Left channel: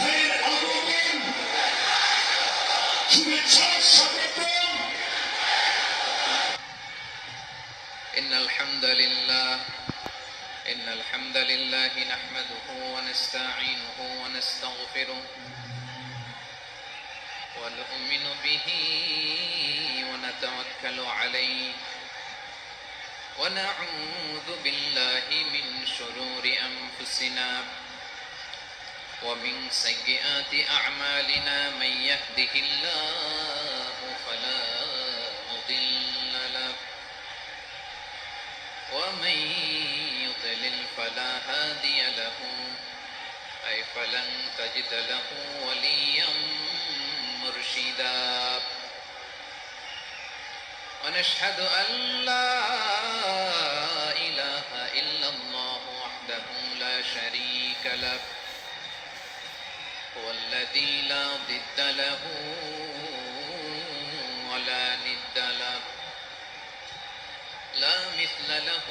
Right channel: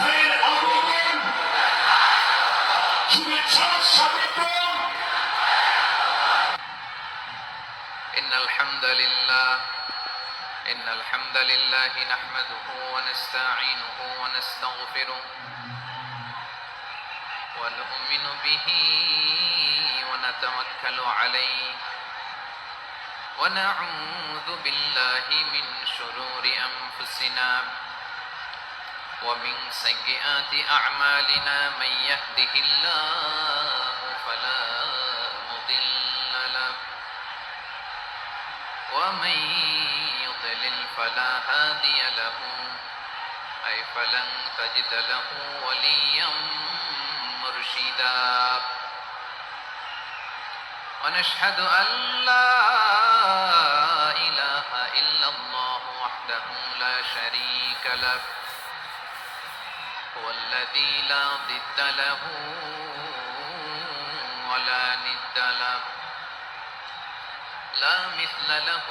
ভাইয়ের আগমন, শুভেচ্ছা স্বাগতম। إن الحمد لله نحمده ونستعينه ونستغفره ونؤمن به ونتوكل عليه ونعوذ بالله من شرور أنفسنا ومن سيئات أعمالنا من يهده الله فلا مضل له ومن يضلل فلا هادي له أي فلن تجد له وليا مرشدا ونشهد أن لا إله إلا الله وحده لا شريك له هو الذي لا ضد له ولا ند له لا مثل له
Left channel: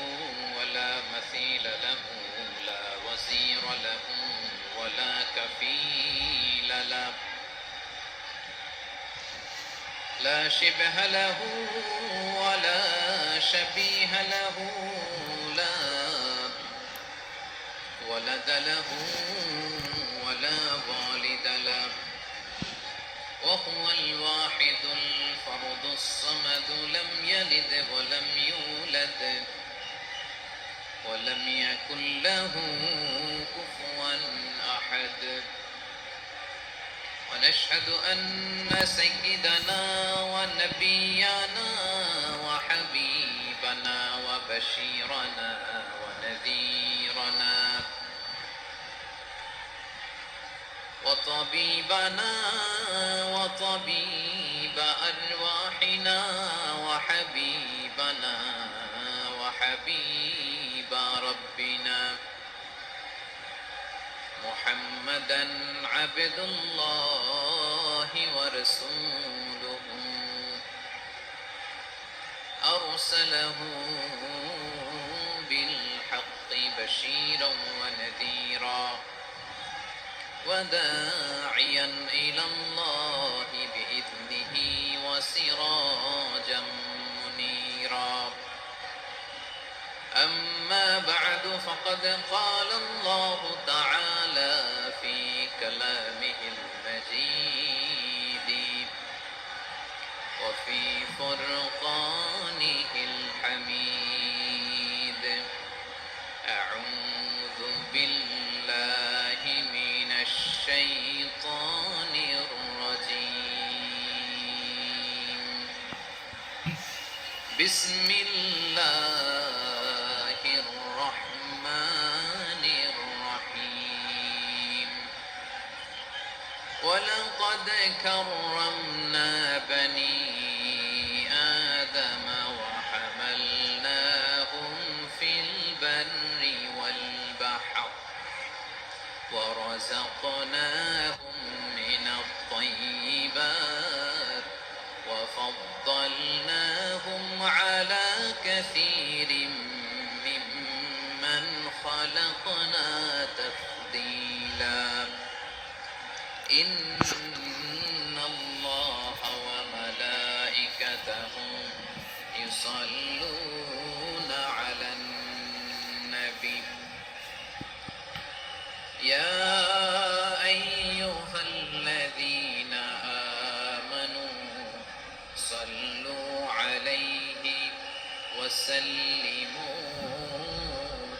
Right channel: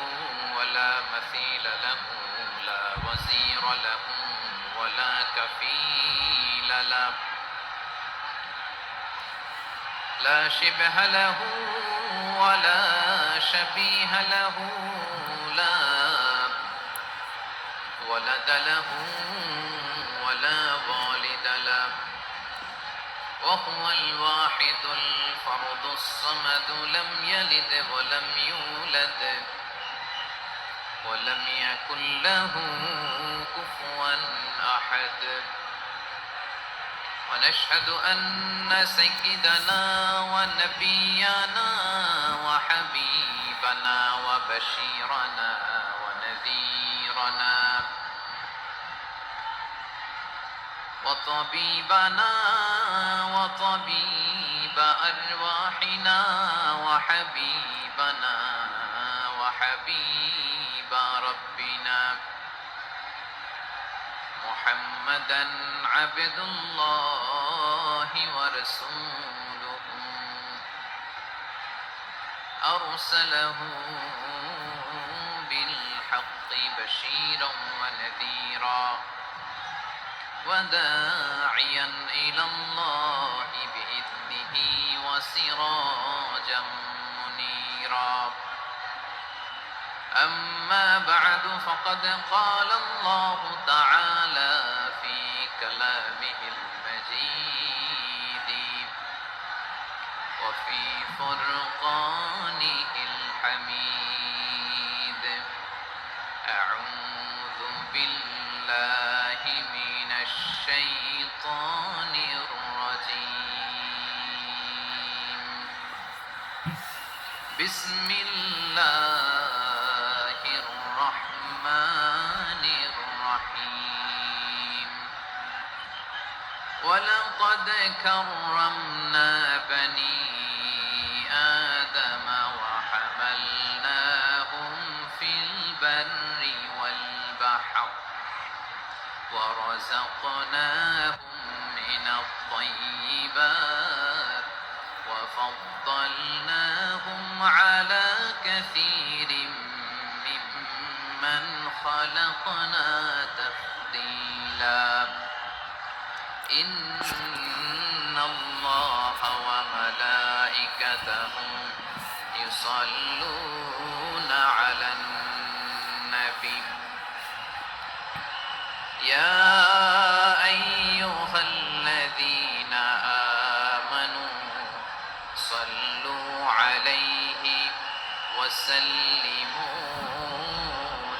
ولا مثيل له لا وزير له ولا كفيل له لا شبه له ولا شبيه له لا ولد له ولا والد له وهو الواحد الفرد الصمد لم يلد ولم يولد ولم يكن له كفوا أحد ونشهد أن سيدنا ونبينا وحبيبنا وبشيرنا ونذيرنا وطبيبنا وطبيب أرواحنا وحبيبنا وحبيب ربنا محمدا عبد الله ورسوله أرسله بالحق بشيرا ونذيرا وداعيا إلى الله بإذنه وسراجا منيرا أما بعد فقد قال الله تعالى في كلامه المجيد وفي فرقانه الحميد أعوذ بالله من الشيطان الرجيم بسم الله الرحمن الرحيم ولقد كرمنا بني آدم وحملناهم في البر والبحر ورزقناهم من الطيبات وفضلناهم على كثير ممن خلقنا تفضيلا إن الله وملائكته يصلون على النبي يا أيها الذين آمنوا صلوا عليه وسلموا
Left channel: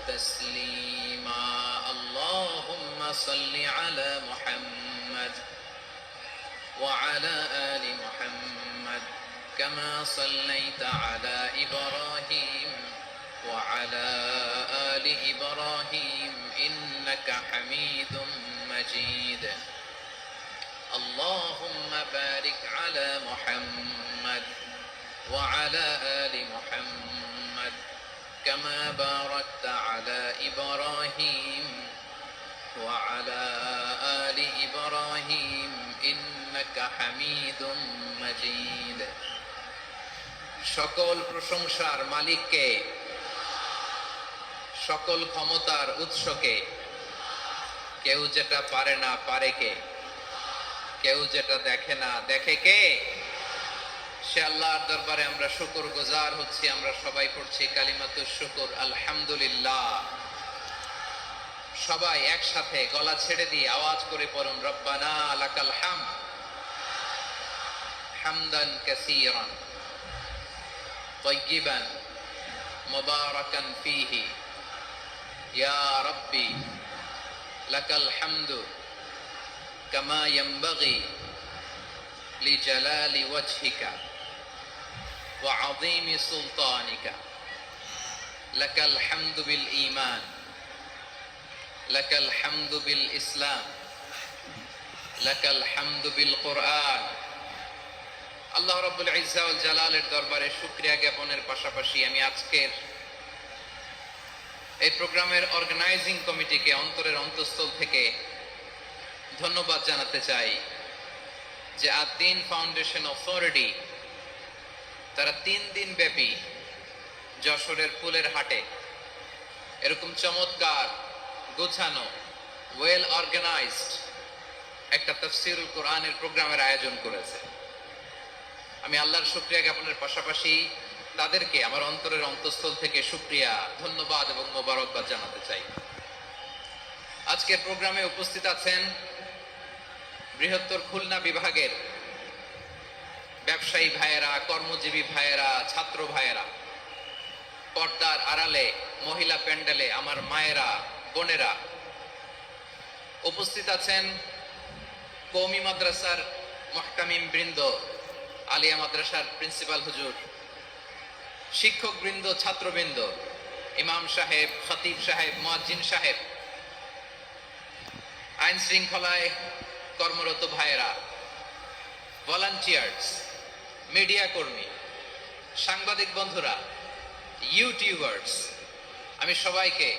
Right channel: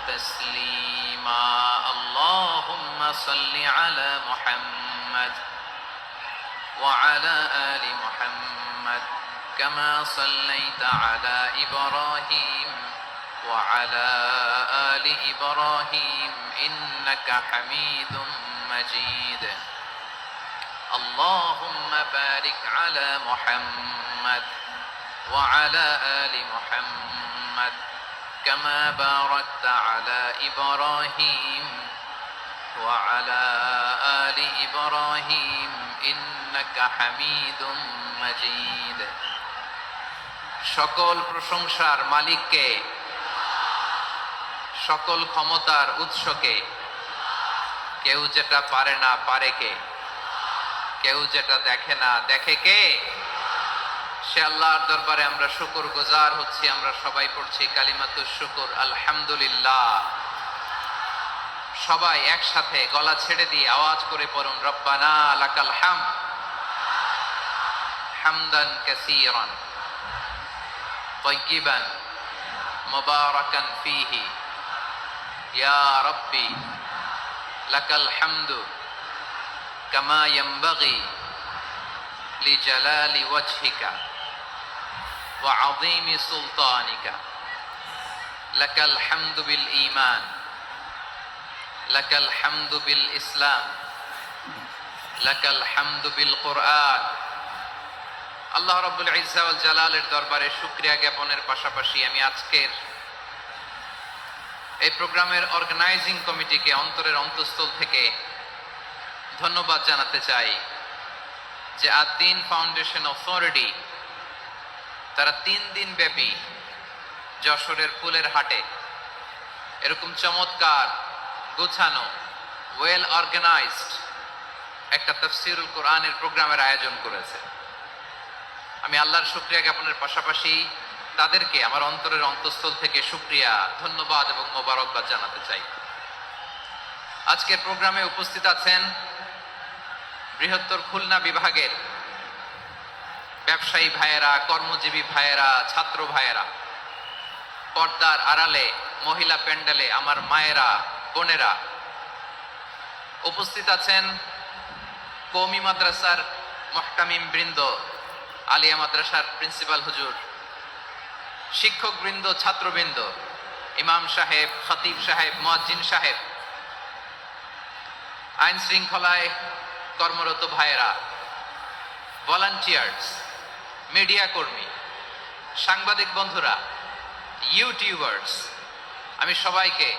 تسليما اللهم صل على محمد وعلى آل محمد كما صليت على إبراهيم وعلى آل إبراهيم إنك حميد مجيد اللهم بارك على محمد وعلى آل محمد كما باركت على إبراهيم وعلى آل إبراهيم إنك حميد مجيد সকল প্রশংসার মালিককে, সকল ক্ষমতার উৎসকে, কেউ যেটা পারে না পারে কে? কেউ যেটা দেখে না দেখে কে? সে আল্লাহর দরবারে আমরা শুকর গুজার হচ্ছি। আমরা সবাই পড়ছি কালিমাতুশ শুকর, আলহামদুলিল্লাহ। সবাই একসাথে গলা ছেড়ে দিয়ে আওয়াজ করে পড়ুন, রব্বানা লাকাল হামদ হামদান কাসীরান তাইয়িবান মুবারাকান ফীহি ইয়া রাব্বি লাকাল হামদু কামা ইয়ানবাগি লিজালালি ওয়াজহিকা ওয়া আযীমি সুলতানিকা লাকাল হামদু বিল ঈমান লাকাল হামদু বিল ইসলাম লাকাল হামদু বিল কুরআন। আল্লাহ রাব্বুল ইজ্জা ওয়াল জালালের দরবারে শুকরিয়া জ্ঞাপনের পাশাপাশি আমি আজকের এই প্রোগ্রামের অর্গানাইজিং কমিটিকে অন্তরের অন্তঃস্থল থেকে ধন্যবাদ জানাতে চাই যে আদ-দ্বীন ফাউন্ডেশন অথরিটি তারা 3 দিন ব্যাপী যশোরের ফুলের হাটে এরকম চমৎকার গোছানো ওয়েল অর্গানাইজড একটা তাফসীরুল কোরআনের প্রোগ্রামের আয়োজন করেছে। আমি আল্লাহর শুকরিয়া জ্ঞাপনের পাশাপাশি তাদেরকে আমার অন্তরের অন্তঃস্থল থেকে শুকরিয়া, ধন্যবাদ এবং মোবারকবাদ জানাতে চাই। আজকের প্রোগ্রামে উপস্থিত আছেন বৃহত্তর খুলনা বিভাগের ব্যবসায়ী ভাইয়েরা, কর্মজীবী ভাইয়েরা, ছাত্র ভাইয়েরা, পর্দার আড়ালে মহিলা প্যান্ডেলে আমার মায়েরা, বোনেরা উপস্থিত আছেন। কওমি মাদ্রাসার মুহতামিম বৃন্দ, আলিয়া মাদ্রাসার প্রিন্সিপাল হুজুর, শিক্ষক বৃন্দ, ছাত্রবৃন্দ, ইমাম সাহেব, খতিব সাহেব, মুয়াজ্জিন সাহেব, আইন শৃঙ্খলায় কর্মরত ভাইয়েরা, ভলান্টিয়ার্স, মিডিয়া কর্মী, সাংবাদিক বন্ধুরা, ইউটিউবার্স, আমি সবাইকে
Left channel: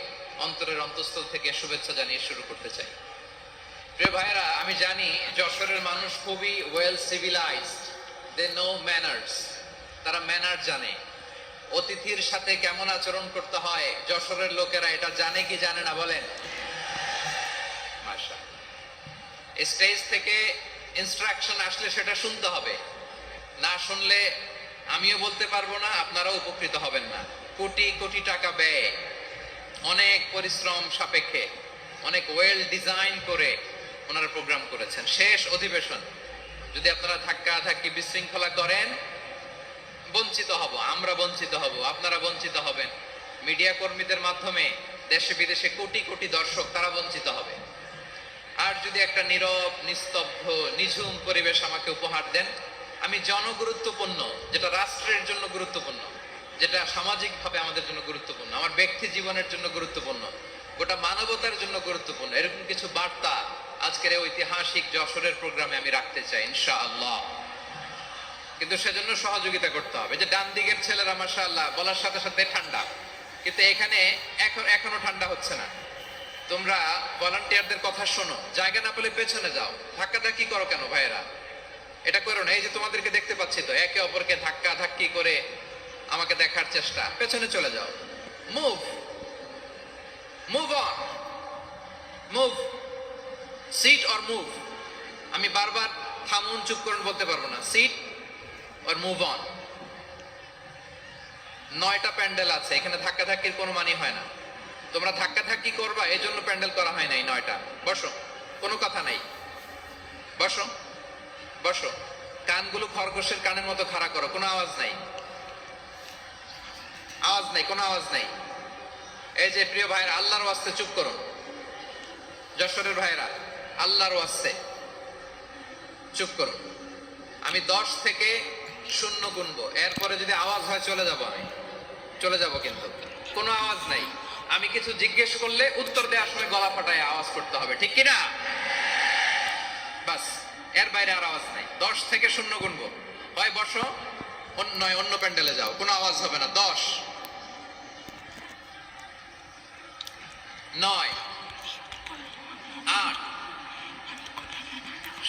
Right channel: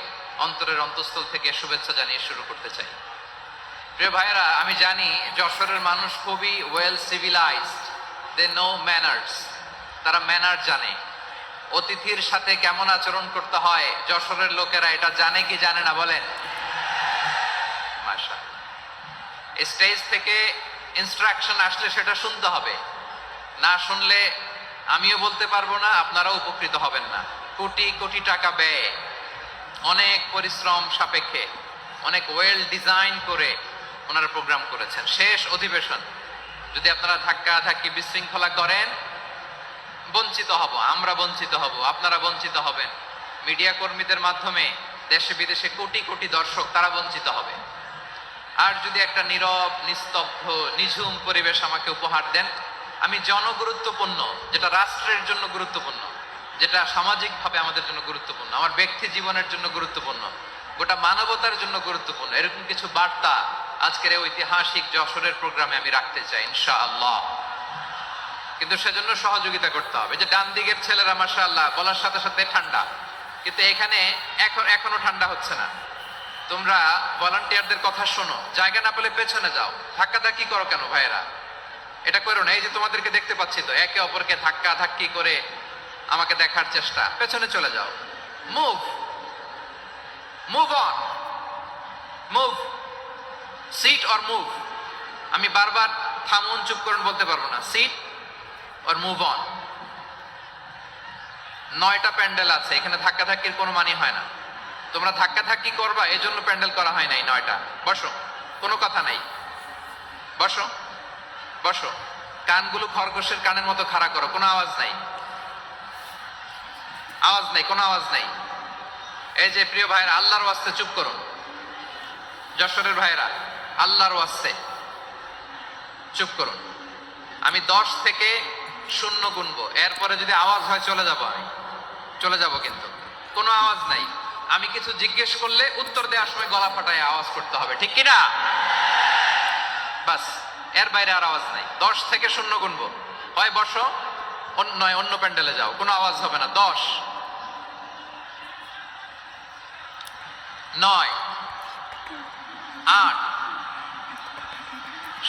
অন্তরের অন্তঃস্থল থেকে শুভেচ্ছা জানিয়ে শুরু করতে চাই। প্রিয় ভাইয়েরা, আমি জানি যশোরের মানুষ খুবই well civilised, they know manners, তারা ম্যানার জানে। অতিথির সাথে কেমন আচরণ করতে হয় যশোরের লোকেরা এটা জানে কি জানে না বলেন? মাশাআল্লাহ। স্টেজ থেকে ইনস্ট্রাকশন আসলে সেটা শুনতে হবে, না শুনলে আমিও বলতে পারবো না, আপনারাও উপকৃত হবেন না। কোটি কোটি টাকা ব্যয়, অনেক পরিশ্রম সাপেক্ষে, অনেক ওয়েল ডিজাইন করে ওনারা প্রোগ্রাম করেছেন। শেষ অধিবেশন যদি আপনারা ধাক্কা ধাক্কি বিশৃঙ্খলা করেন, বঞ্চিত হব, আমরা বঞ্চিত হব, আপনারা বঞ্চিত হবেন। মিডিয়া কর্মীদের মাধ্যমে দেশে বিদেশে কোটি কোটি দর্শক তারা বঞ্চিত হবে। আর যদি একটা নীরব, নিস্তব্ধ, নিঝুম পরিবেশ আমাকে উপহার দেন, আমি জনগুরুত্বপূর্ণ, যেটা রাষ্ট্রের জন্য গুরুত্বপূর্ণ, যেটা সামাজিকভাবে আমাদের জন্য গুরুত্বপূর্ণ, আমার ব্যক্তি জীবনের জন্য গুরুত্বপূর্ণ, গোটা মানবতার জন্য গুরুত্বপূর্ণ, এরকম কিছু বার্তা আজকের এই ঐতিহাসিক যশোরের প্রোগ্রামে আমি রাখতে চাই ইনশাআল্লাহ। কিন্তু সেজন্য সহযোগিতা করতে হবে। যে ডান দিকের ছেলেরা মাশাআল্লাহ বলার সাথে সাথে ঠান্ডা, কিন্তু এখানে এখনো ঠান্ডা হচ্ছে না। তোমরা ভলান্টিয়ারদের কথা শোনো, জায়গা না পেলে পেছনে যাও। ধাক্কাধাক্কি করো কেন ভাইয়েরা? এটা করো না। এই যে তোমাদেরকে দেখতে পাচ্ছি তো, একে অপরকে ধাক্কা ধাক্কি করে আমাকে দেখার চেষ্টা, পেছনে চলে যাও। Move move on, move, sit or move. আমি বারবার থামুন, চুপ করুন বলতে পারবো না। Sit or move on. 9টা প্যান্ডেল আছে, এখানে ধাক্কাধাক্কির কোনো মানে হয় না। তোমরা ধাক্কাধাক্কি করবা, এজন্য প্যান্ডেল করা হয় নাই 9টা। বসো, কোনো কথা নাই, বসো বসো। কানগুলো খরগোশের কানের মতো খাড়া করো, কোনো আওয়াজ নাই, আওয়াজ নাই, কোনো আওয়াজ নাই। এই যে প্রিয় ভাইয়েরা, আল্লাহর ওয়াস্তে চুপ করুন। যশোরের ভাইয়েরা, আল্লাহর ওয়াস্তে চুপ করুন। আমি 10 থেকে 0 গুনবো, এরপরে যদি আওয়াজ হয় চলে যাব, আমি চলে যাব, কিন্তু কোনো আওয়াজ নাই। আমি কিছু জিজ্ঞেস করলে উত্তর দেওয়ার সময় গলা ফাটায় আওয়াজ করতে হবে, ঠিক কিনা? বাস, এর বাইরে আর আওয়াজ নাই। 10 থেকে 0 গুনবো, হয় বসো, নয় অন্য প্যান্ডেলে যাও, কোনো আওয়াজ হবে না। 10, 9, 8,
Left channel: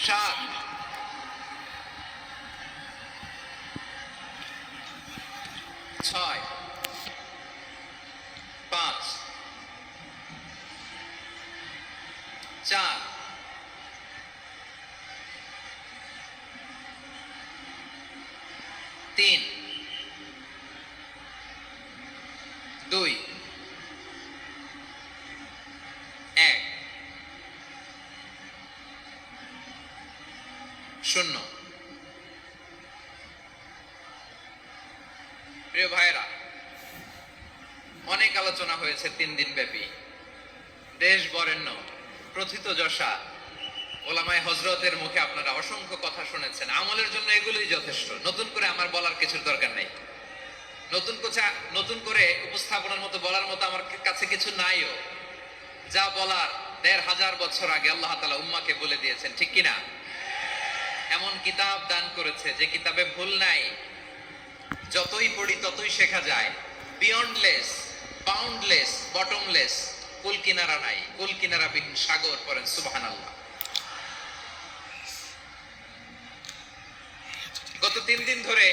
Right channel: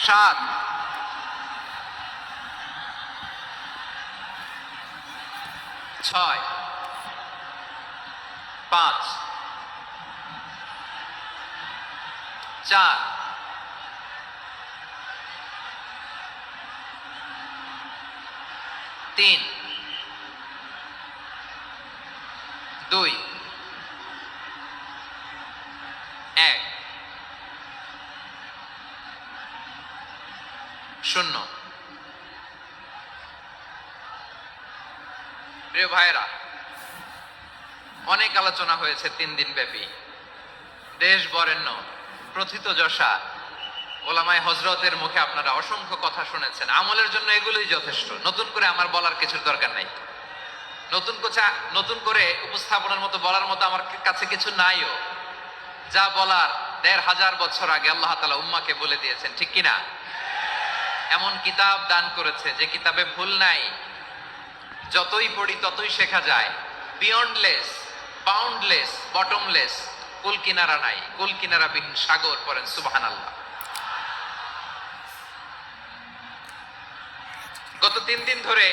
7, 6, 5, 4, 3, 2, 1, 0। প্রিয় ভাইরা, অনেক আলোচনা হয়েছে 3 দিন ব্যাপী। দেশ বরেণ্য প্রথিতযশা ওলামায়ে হযরতের মুখে আপনারা অসংখ্য কথা শুনেছেন। আমলের জন্য এগুলোই যথেষ্ট, নতুন করে আমার বলার কিছুর দরকার নাই। নতুন করে উপস্থাপনের মতো বলার মতো আমার কাছে কিছু নাইও। যা বলার ১৫০০ বছর আগে আল্লাহ তাআলা উম্মাহকে বলে দিয়েছেন, ঠিক কিনা? এমন কিতাব দান করেছে যে কিতাবে ভুল নাই, যতই পড়ি ততই শেখা যায়। বিয়ন্ডলেস, বাউন্ডলেস, বটমলেস, কুল কিনারা নাই, কুল কিনারা বিহীন সাগর। পড়েন সুবহানাল্লাহ। গত 3 দিন ধরে